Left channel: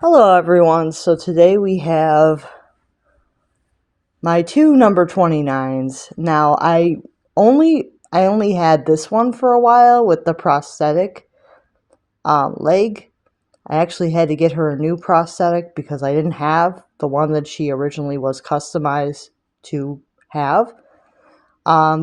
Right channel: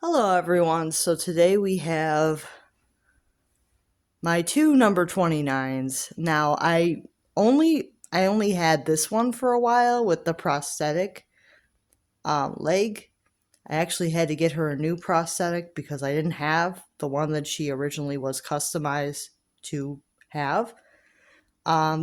Hello everyone, so today we have my two number 29s. Now I only had this one for a while with the prosthetic leg. I actually had to get her a new prosthetic because I didn't have the one that she originally was customized to have.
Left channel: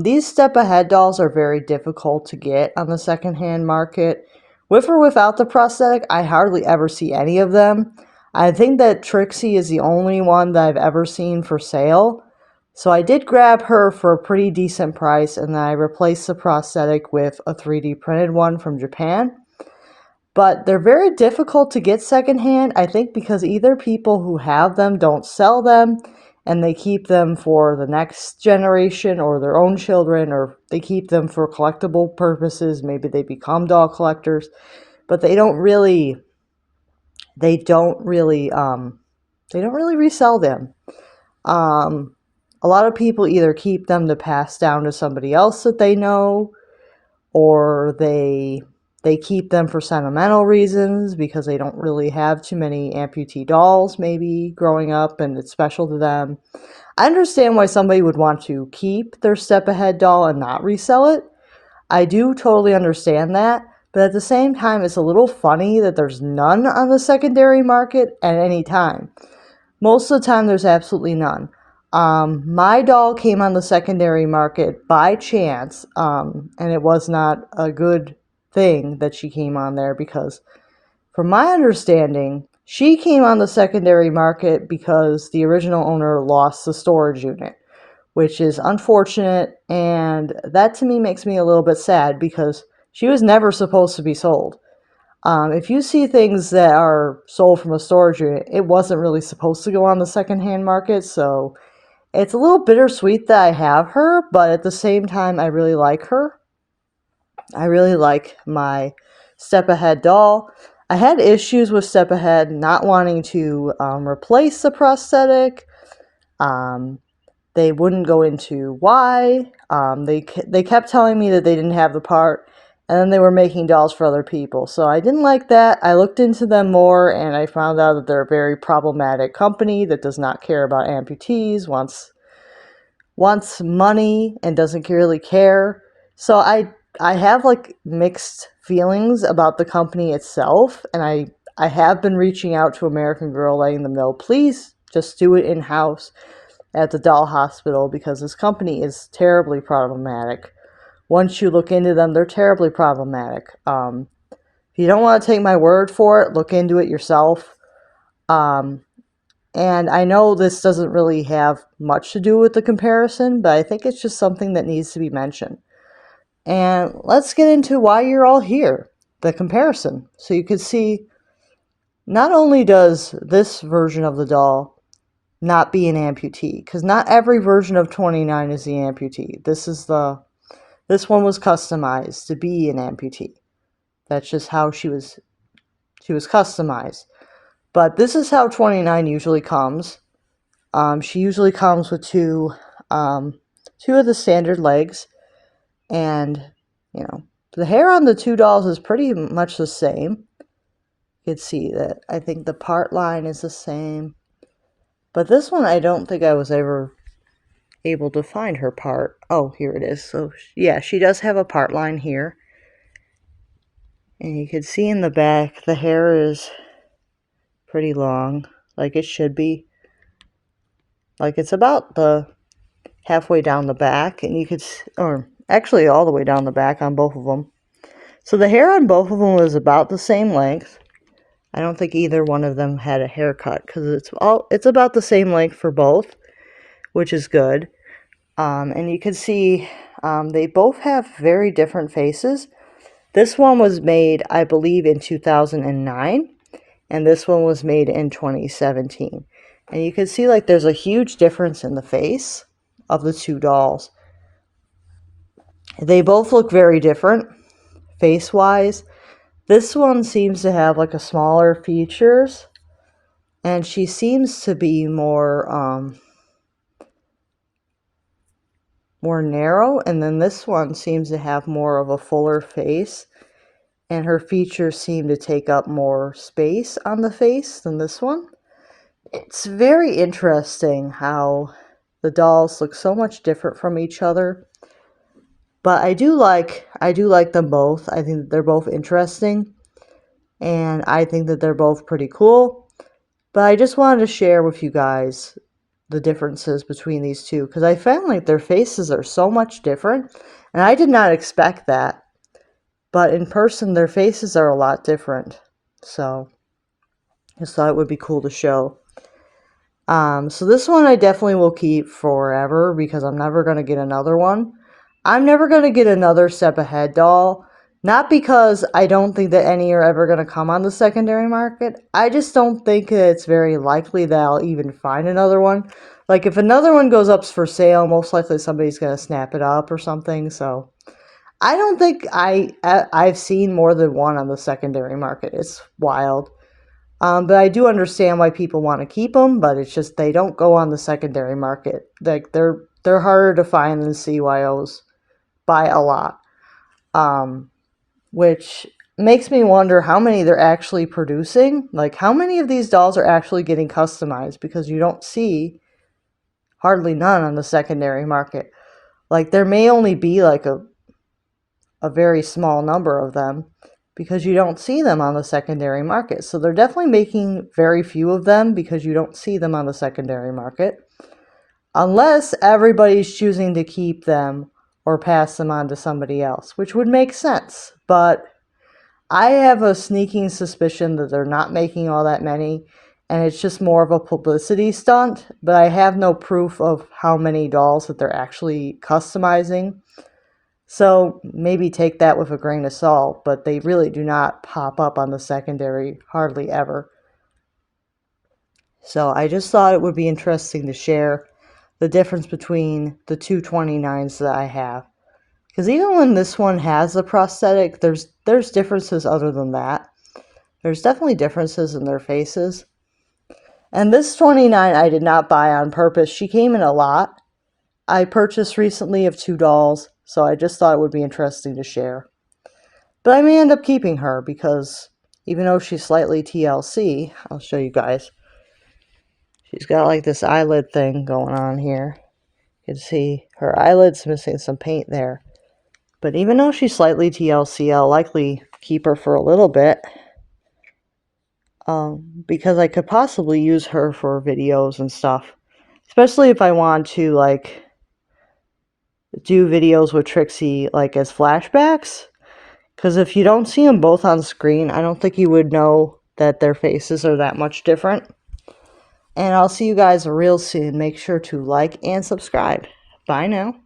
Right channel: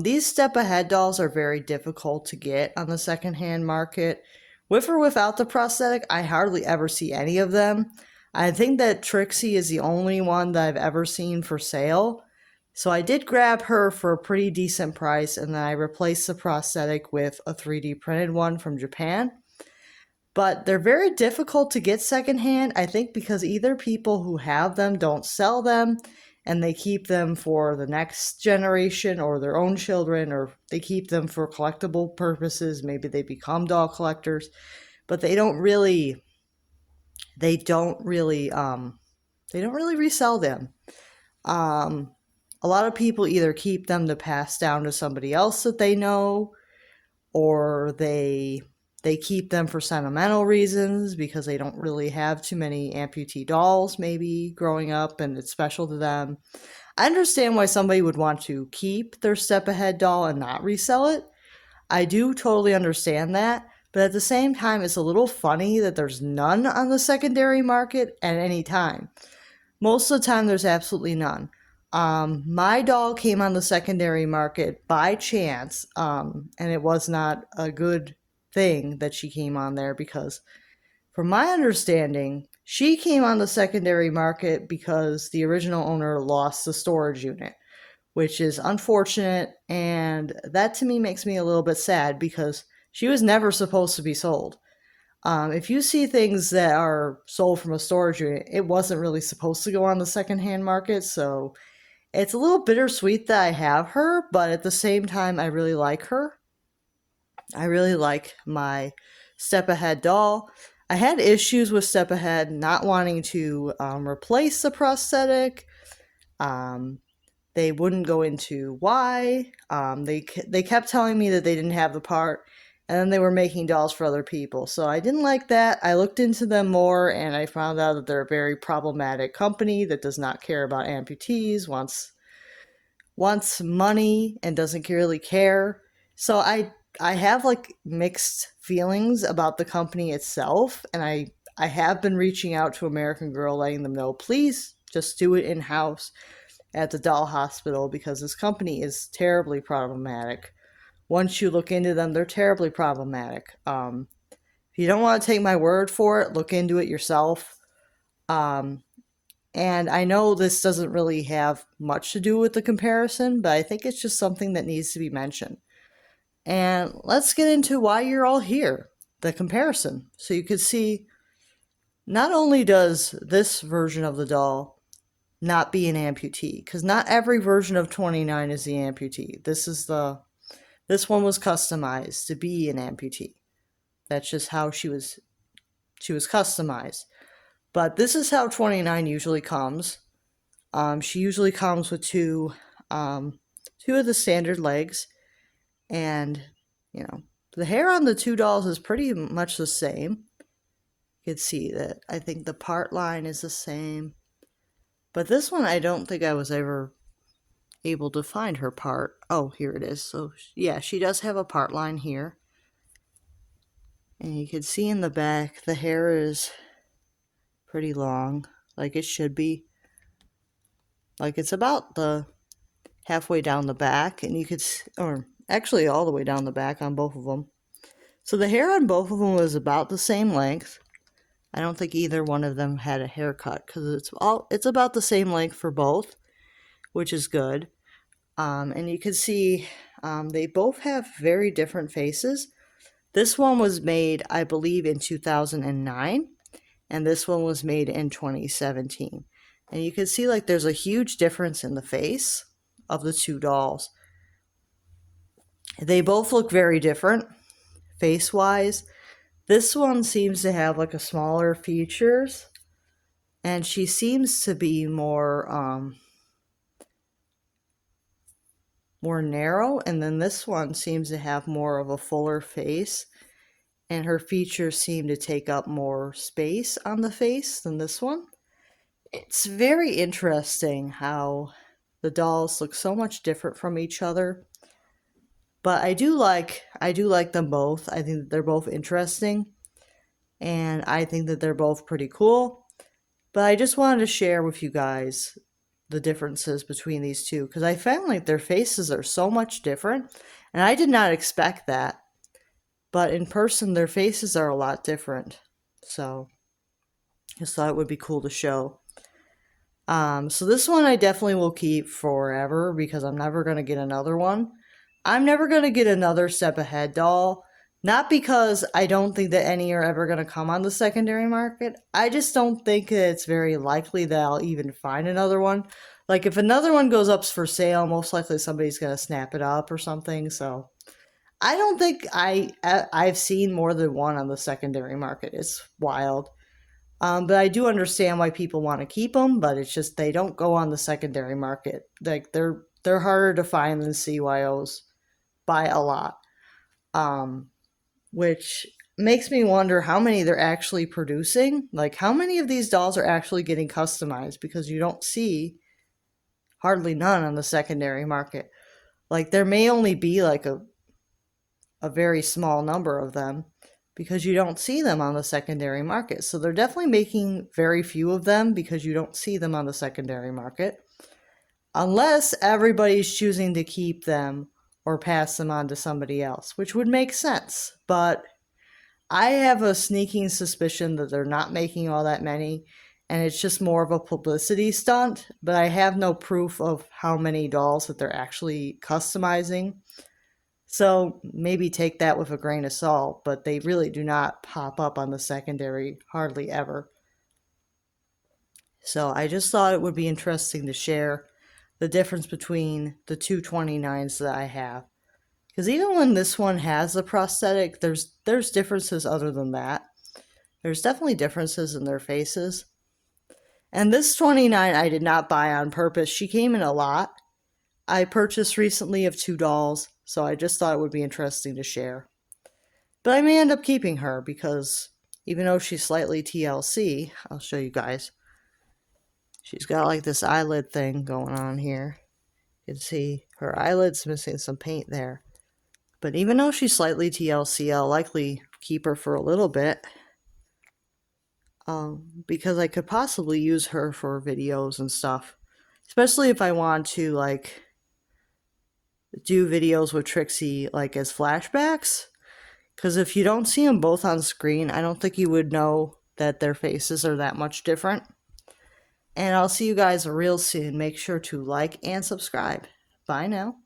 These step ahead dolls are very difficult to get on the secondhand market. With or without the prosthetic, I hardly ever see any of them. I think that Trixie is the only one that I've ever seen for sale. So I did grab her for a pretty decent price, and then I replaced the prosthetic with a 3D printed one from Japan. But they're very difficult to get secondhand, I think, because either people who have them don't sell them and they keep them for the next generation or their own children, or they keep them for collectible purposes. Maybe they become doll collectors, but they don't really resell them. Um, a lot of people either keep them to pass down to somebody else that they know, or they keep them for sentimental reasons because they don't really have too many amputee dolls maybe growing up and it's special to them. I understand why somebody would want to keep their step ahead doll and not resell it. I do totally understand that, but at the same time it's a little funny that there's none on the secondary market at any time. Most of the time, there's absolutely none. My doll came on the secondary market by chance, and it was not a good thing that she came on there because, from my understanding, she came on the secondary market because the original owner lost the storage unit, which is unfortunate, and that to me makes me a little bit sad because she was never supposed to be sold. If you see things that are sold from a storage unit, it wasn't really supposed to go on the secondhand market, so it's a little bittersweet that I have her, but at the same time, I really like her. I really like my Step Ahead doll. I had issues with Step Ahead not wanting to replace the prosthetic. Um, they wouldn't go into why. They kept telling me that they didn't have the part, and then they were making dolls for other people. So I didn't like that. I looked into them more, and I found out that they're a very problematic company that does not care about amputees, wants money, and doesn't really care. So I have like mixed feelings about the company itself, and I have been reaching out to American Girl, letting them know, please just do it in house at the doll hospital because this company is terribly problematic. Once you look into them, they're terribly problematic. If you don't want to take my word for it, look into it yourself. Um, and I know this doesn't really have much to do with the comparison, but I think it's just something that needs to be mentioned. And let's get into why you're all here, the comparison. So you can see not only does this version of the doll not be an amputee, because not every version of 29 is the amputee. This one was customized to be an amputee. That's just how she was customized. But this is how 29 usually comes. She usually comes with two of the standard legs, and the hair on the two dolls is pretty much the same. You can see that I think the part line is the same, but this one I don't think I was ever able to find her part. Oh, here it is. So yeah, she does have a part line here. And you can see in the back, the hair is pretty long, like it should be. Like it's about the halfway down the back, and you could, or actually all the way down the back on both of them. So the hair on both of them was about the same length. I don't think either one of them had a haircut because it's about the same length for both, which is good. And you can see they both have very different faces. This one was made, I believe, in 2009, and this one was made in 2017. And you can see like there's a huge difference in the face of the two dolls. They both look very different face-wise. This one seems to have like a smaller features, and she seems to be more narrow, and then this one seems to have more of a fuller face. and her features seem to take up more space on the face than this one. It's very interesting how the dolls look so much different from each other. But I do like them both. I think that they're both interesting, and I think that they're both pretty cool. But I just wanted to share with you guys the differences between these two, because I found like their faces are so much different, and I did not expect that. But in person, their faces are a lot different. So I just thought it would be cool to show. So this one I definitely will keep forever because I'm never going to get another one. I'm never going to get another Step Ahead doll. Not because I don't think that any are ever going to come on the secondary market. I just don't think that it's very likely that I'll even find another one. Like if another one goes up for sale, most likely somebody's going to snap it up or something. So I don't think I've seen more than one on the secondary market. It's wild. But I do understand why people want to keep them, but it's just they don't go on the secondary market. Like they're harder to find than CYOs by a lot. Which makes me wonder how many they're actually producing. Like how many of these dolls are actually getting customized, because you don't see hardly none on the secondary market. Like there may only be like a very small number of them, because you don't see them on the secondary market. So they're definitely making very few of them because you don't see them on the secondary market. Unless everybody's choosing to keep them or pass them on to somebody else, which would make sense. But I have a sneaking suspicion that they're not making all that many, and it's just more of a publicity stunt. But I have no proof of how many dolls that they're actually customizing. So maybe take that with a grain of salt, but they really do not pop up on the secondary hardly ever. So I just thought it would be interesting to share the difference between the two 29s that I have. Because even when this one has a prosthetic, there's differences other than that. There's definitely differences in their faces. And this 29 I did not buy on purpose. She came in a lot. I purchased recently of 2 dolls, so I just thought it would be interesting to share. But I may end up keeping her because even though she's slightly TLC, I'll show you guys. She's got like this eyelid thing going on here. You can see her eyelid's missing some paint there. But even though she's slightly TLC, I'll likely keep her for a little bit. Because I could possibly use her for videos and stuff. Especially if I want to like do videos with Trixie like as flashbacks. Because if you don't see them both on screen, I don't think you would know that their faces are that much different. And I'll see you guys real soon. Make sure to like and subscribe. Bye now.